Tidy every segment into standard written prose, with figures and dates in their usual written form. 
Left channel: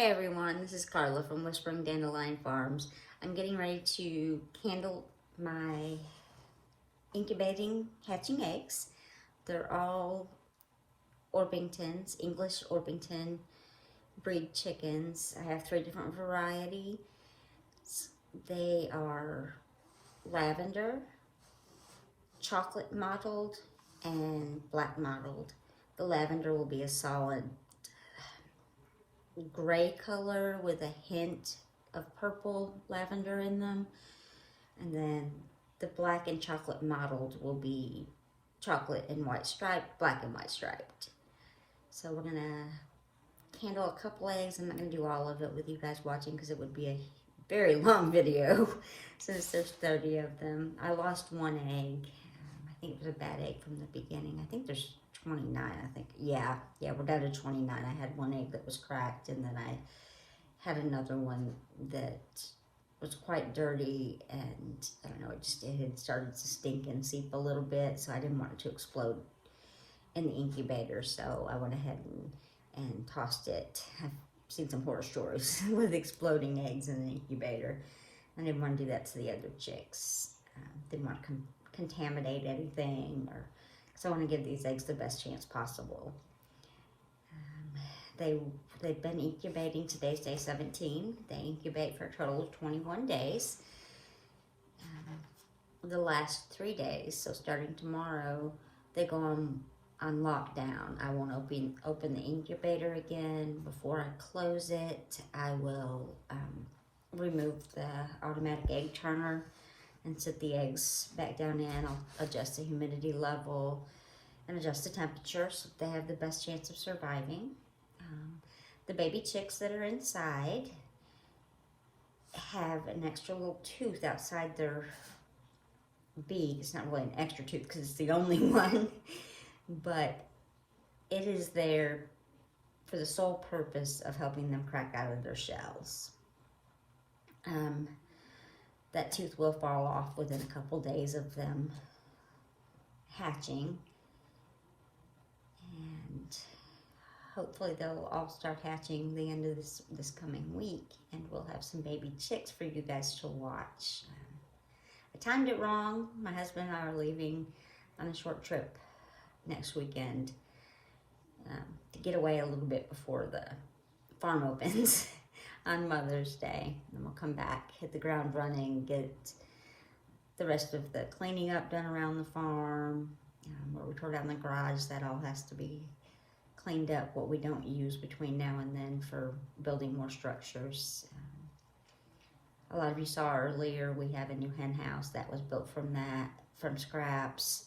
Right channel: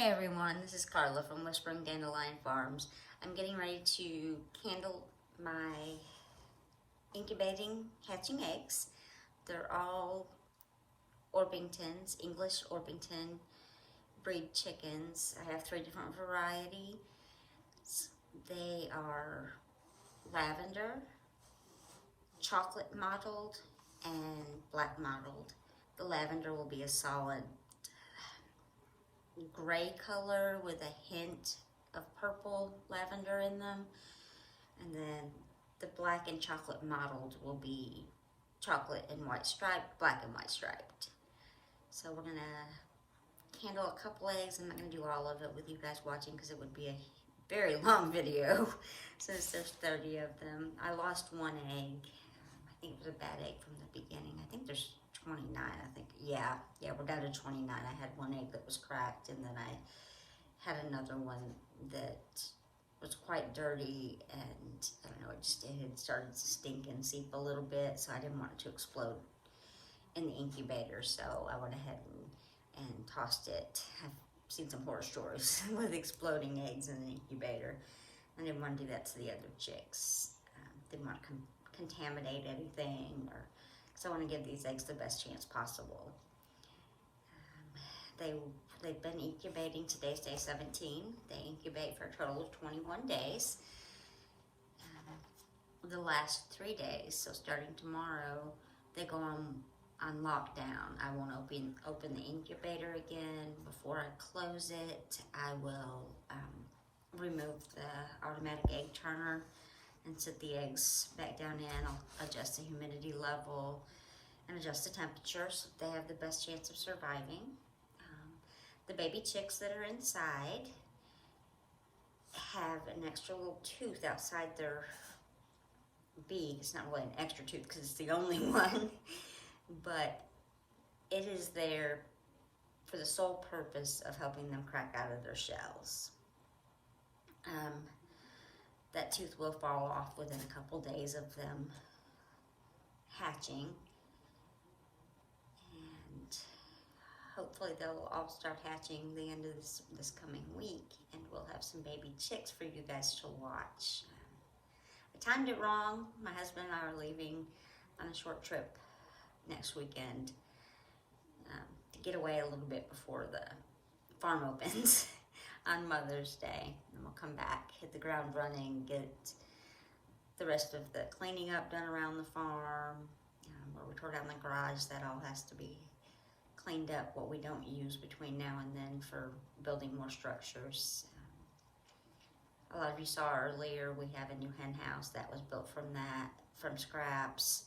Hey everyone, this is Carla from Whispering Dandelion Farms. I'm getting ready to candle my incubating hatching eggs. They're all Orpingtons, English Orpington breed chickens. I have 3 different varieties. They are lavender, chocolate mottled, and black mottled. The lavender will be a solid gray color with a hint of purple lavender in them, and then the black and chocolate mottled will be chocolate and white striped, black and white striped. So we're gonna candle a couple eggs. I'm not gonna do all of it with you guys watching because it would be a very long video since there's 30 of them. I lost 1 egg. I think it was a bad egg from the beginning. I think there's 29, I think. Yeah, we're down to 29. I had 1 egg that was cracked, and then I had another one that was quite dirty, and I don't know, it had started to stink and seep a little bit, so I didn't want it to explode in the incubator, so I went ahead and tossed it. I've seen some horror stories with exploding eggs in the incubator. I didn't want to do that to the other chicks. Didn't want to contaminate anything, or so I want to give these eggs the best chance possible. They've been incubating. Today's day 17. They incubate for a total of 21 days. The last 3 days, so starting tomorrow, they go on lockdown. I won't open the incubator again. Before I close it, I will remove the automatic egg turner and set the eggs back down in. I'll adjust the humidity level and adjust the temperature so they have the best chance of surviving. The baby chicks that are inside have an extra little tooth outside their beak. It's not really an extra tooth because it's the only one, but it is there for the sole purpose of helping them crack out of their shells. That tooth will fall off within a couple days of them hatching, and hopefully they'll all start hatching the end of this coming week, and we'll have some baby chicks for you guys to watch. I timed it wrong. My husband and I are leaving on a short trip next weekend to get away a little bit before the farm opens on Mother's Day. And we'll come back, hit the ground running, get the rest of the cleaning up done around the farm. Where we tore down the garage, that all has to be cleaned up, what we don't use between now and then for building more structures. A lot of you saw earlier, we have a new hen house that was built from scraps.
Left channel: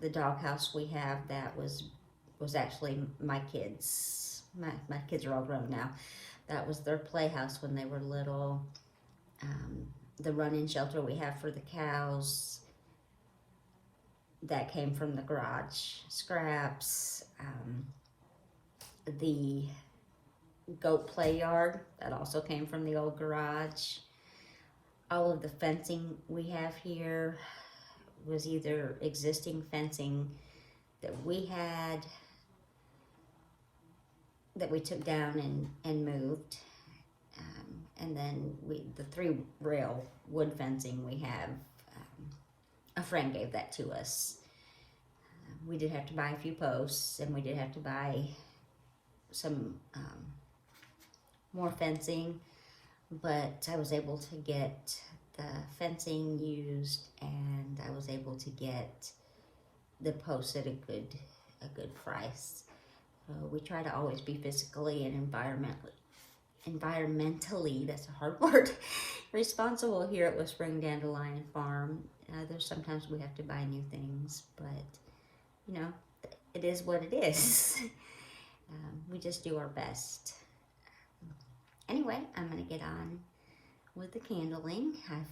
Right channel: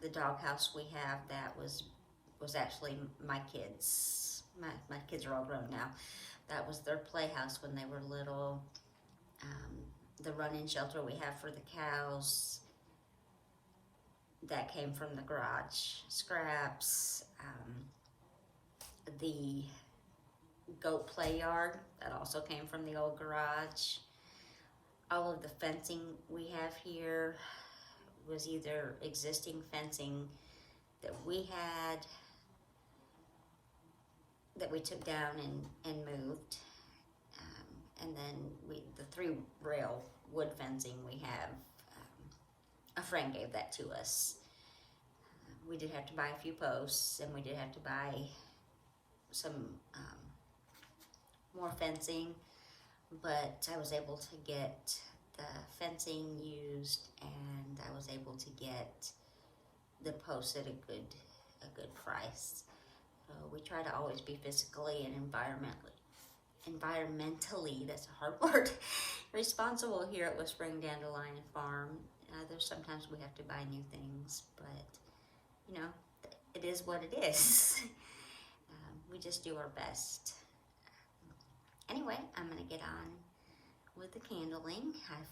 The dog house we have, that was actually my kids. My kids are all grown now. That was their playhouse when they were little. The run-in shelter we have for the cows, that came from the garage scraps. The goat play yard, that also came from the old garage. All of the fencing we have here was either existing fencing that we had, that we took down and moved. And then the 3-rail wood fencing we have, a friend gave that to us. We did have to buy a few posts, and we did have to buy some more fencing, but I was able to get the fencing used, and I was able to get the posts at a good price. So we try to always be physically and environmentally, that's a hard word, responsible here at Whispering Dandelion Farm. There's sometimes we have to buy new things, but you know, it is what it is. We just do our best. Anyway, I'm gonna get on with the candling. I've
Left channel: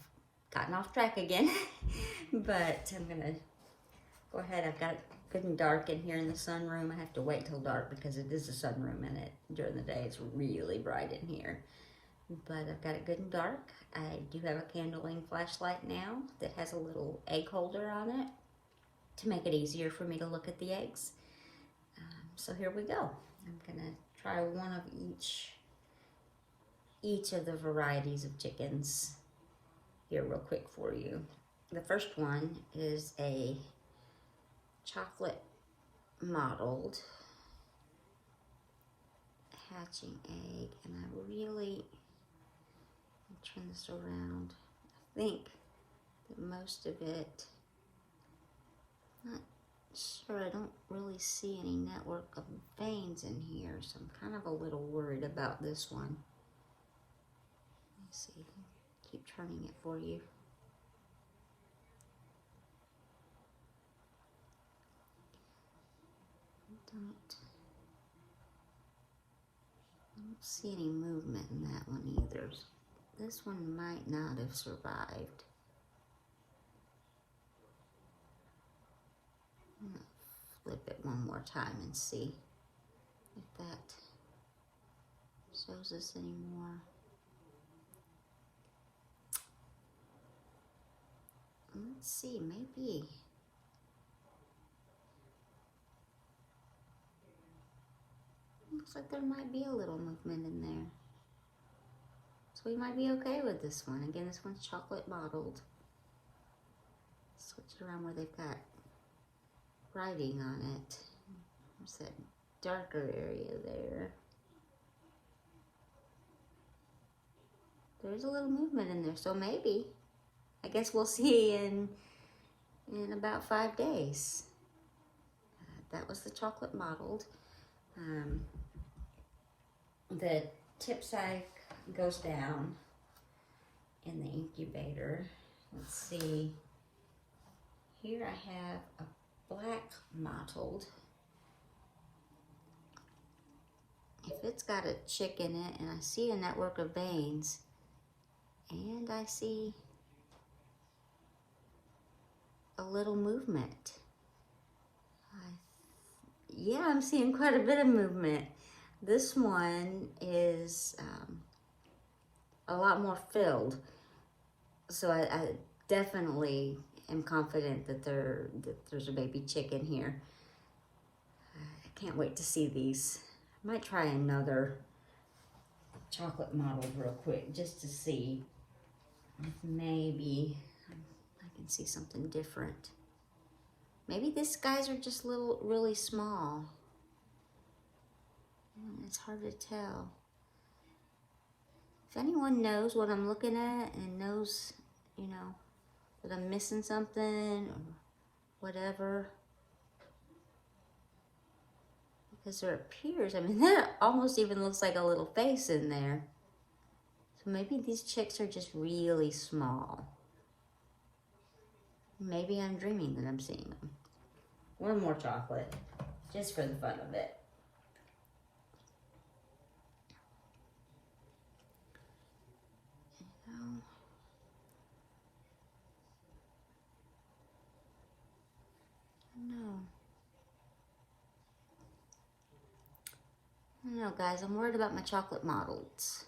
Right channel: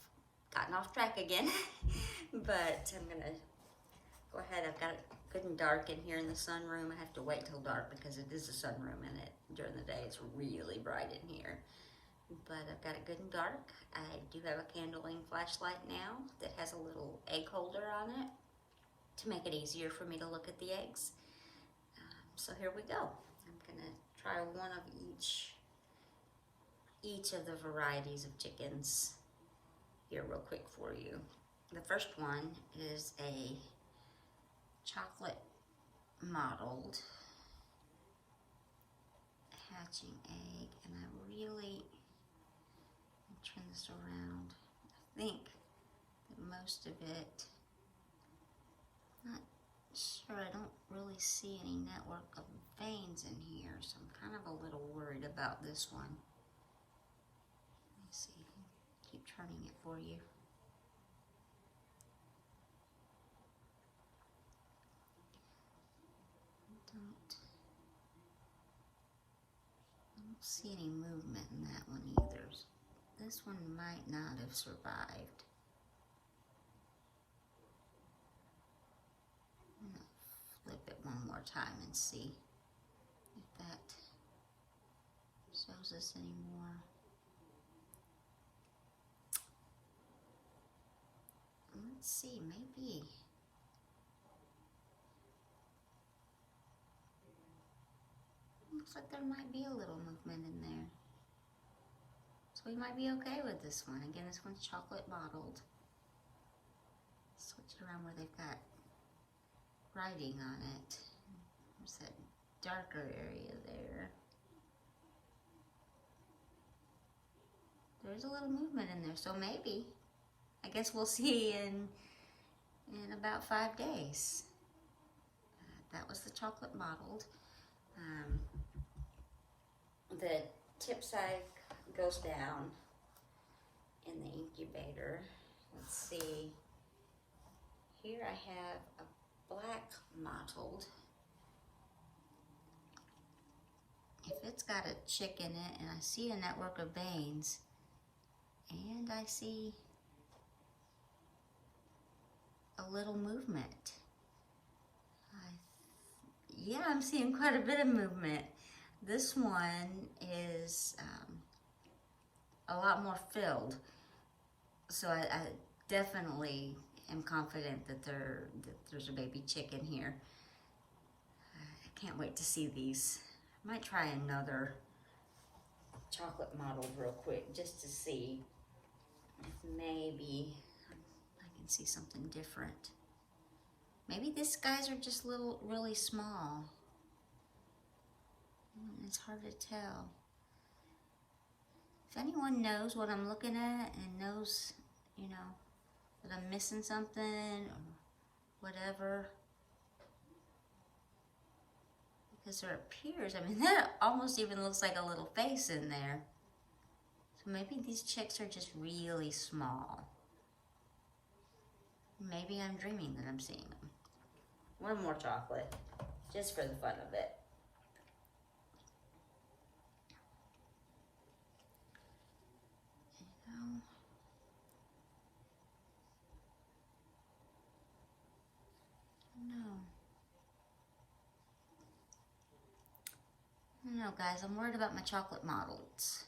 gotten off track again, but I'm gonna go ahead. I've got it good and dark in here in the sunroom. I have to wait till dark because it is a sunroom, and during the day it's really bright in here. But I've got it good and dark. I do have a candling flashlight now that has a little egg holder on it to make it easier for me to look at the eggs. So here we go. I'm gonna try one of each of the varieties of chickens here real quick for you. The first one is a chocolate mottled hatching egg, and I really turn this around. I think that most of it, not sure, I don't really see any network of veins in here, so I'm kind of a little worried about this one. Let me see, keep turning it for you. I don't see any movement in that one either. This one might not have survived. I'm gonna flip it one more time and see if that shows us anymore. Let's see, maybe. Looks like there might be a little movement in there. So we might be okay with this one. Again, this one's chocolate mottled. Switch it around where they've got writing on it. There's that darker area there. There's a little movement in there, so maybe. I guess we'll see in about 5 days. That was the chocolate mottled. The tip sack goes down in the incubator. Let's see. Here I have a black mottled. If it's got a chick in it, and I see a network of veins, and I see a little movement. Yeah, I'm seeing quite a bit of movement. This one is a lot more filled, so I definitely am confident that there's a baby chicken here. I can't wait to see these. I might try another chocolate mottled real quick just to see if maybe I can see something different. Maybe these guys are just really small. It's hard to tell. If anyone knows what I'm looking at and knows, you know, that I'm missing something or whatever, because there appears, I mean, that almost even looks like a little face in there. So maybe these chicks are just really small. Maybe I'm dreaming that I'm seeing them. One more chocolate, just for the fun of it. I don't know, guys, I'm worried about my chocolate mottleds.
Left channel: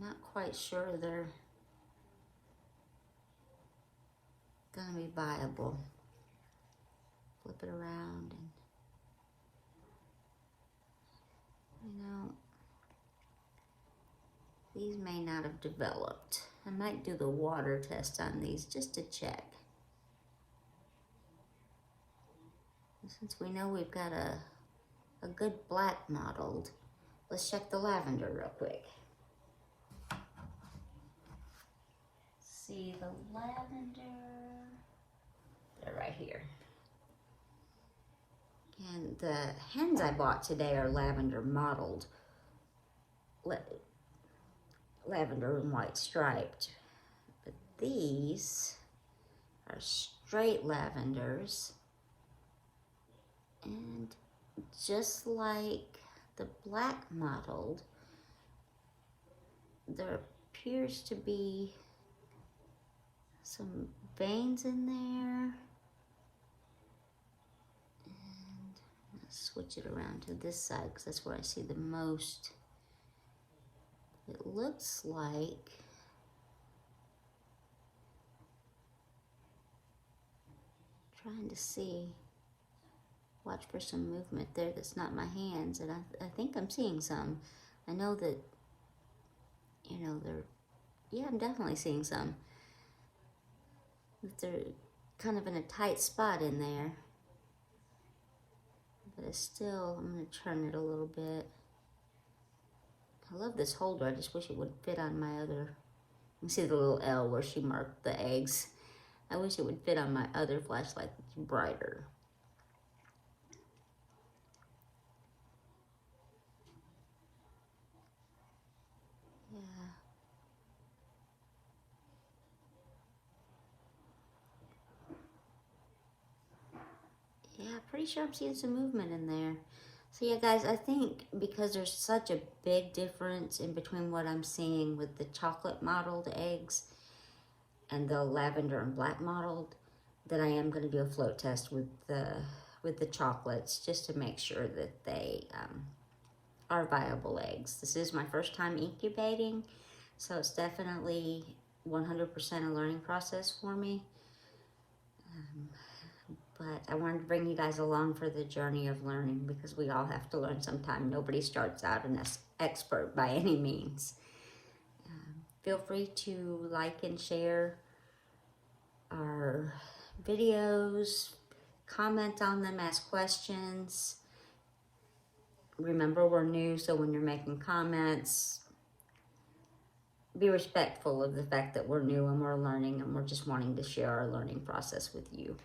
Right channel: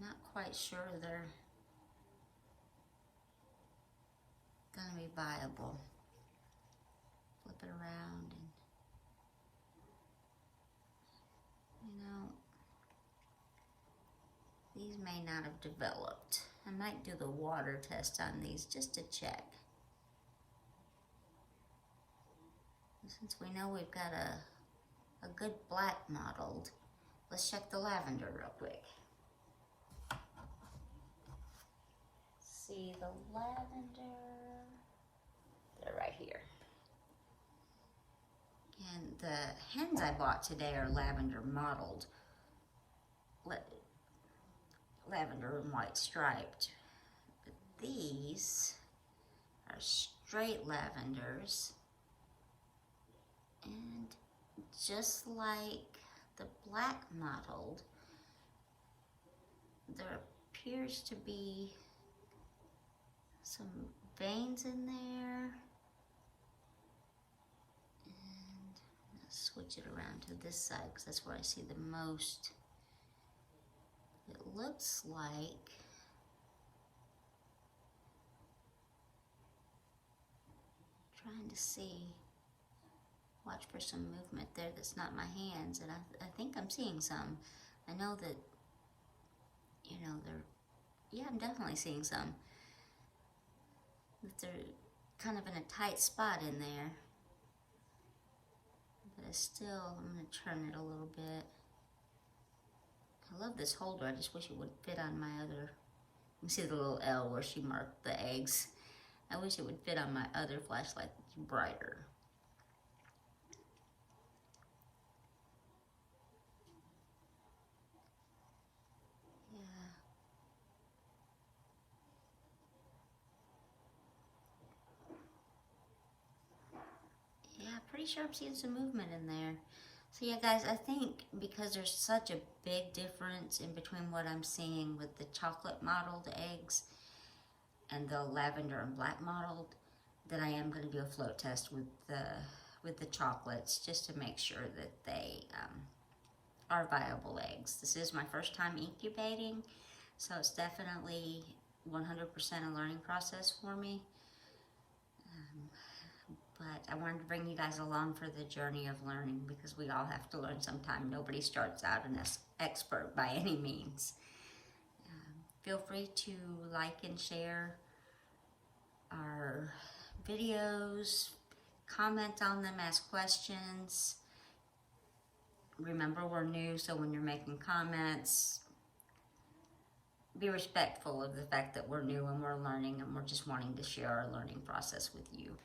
Not quite sure they're gonna be viable. Flip it around and, you know, these may not have developed. I might do the water test on these just to check. Since we know we've got a good black mottled, let's check the lavender real quick. See the lavender, they're right here. And the hens I bought today are lavender mottled, lavender and white striped. But these are straight lavenders. And just like the black mottled, there appears to be some veins in there. And let's switch it around to this side because that's where I see the most. It looks like trying to see watch for some movement there that's not my hands, and I think I'm seeing some. I know that, you know, yeah, I'm definitely seeing some. But they're kind of in a tight spot in there. But it's still, I'm going to turn it a little bit. I love this holder. I just wish it would fit on my other, you see the little L where she marked the eggs. I wish it would fit on my other flashlight that's brighter. Yeah, pretty sure I'm seeing some movement in there. So yeah, guys, I think because there's such a big difference in between what I'm seeing with the chocolate mottled eggs and the lavender and black mottled, that I am going to do a float test with the chocolates just to make sure that they are viable eggs. This is my first time incubating, so it's definitely 100% a learning process for me. But I wanted to bring you guys along for the journey of learning, because we all have to learn sometime. Nobody starts out an expert by any means. Feel free to like and share our videos, comment on them, ask questions. Remember, we're new, so when you're making comments, be respectful of the fact that we're new and we're learning, and we're just wanting to share our learning process with you.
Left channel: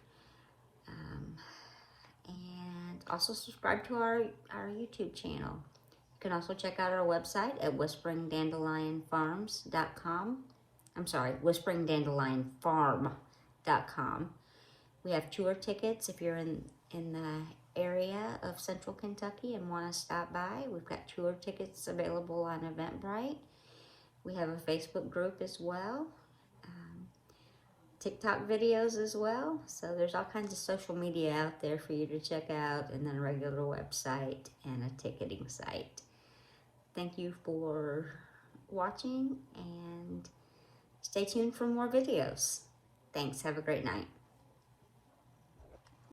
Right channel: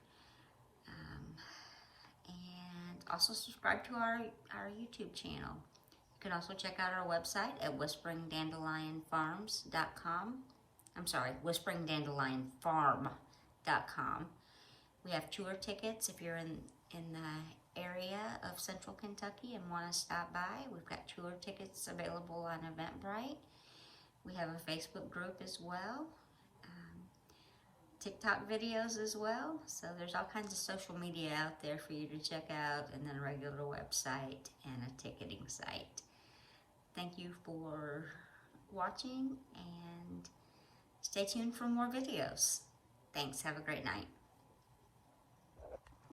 And also subscribe to our YouTube channel. You can also check out our website at whisperingdandelionfarms.com. I'm sorry, whisperingdandelionfarm.com. We have tour tickets if you're in the area of Central Kentucky and want to stop by. We've got tour tickets available on Eventbrite. We have a Facebook group as well. TikTok videos as well. So there's all kinds of social media out there for you to check out, and then a regular website and a ticketing site. Thank you for watching, and stay tuned for more videos. Thanks. Have a great night.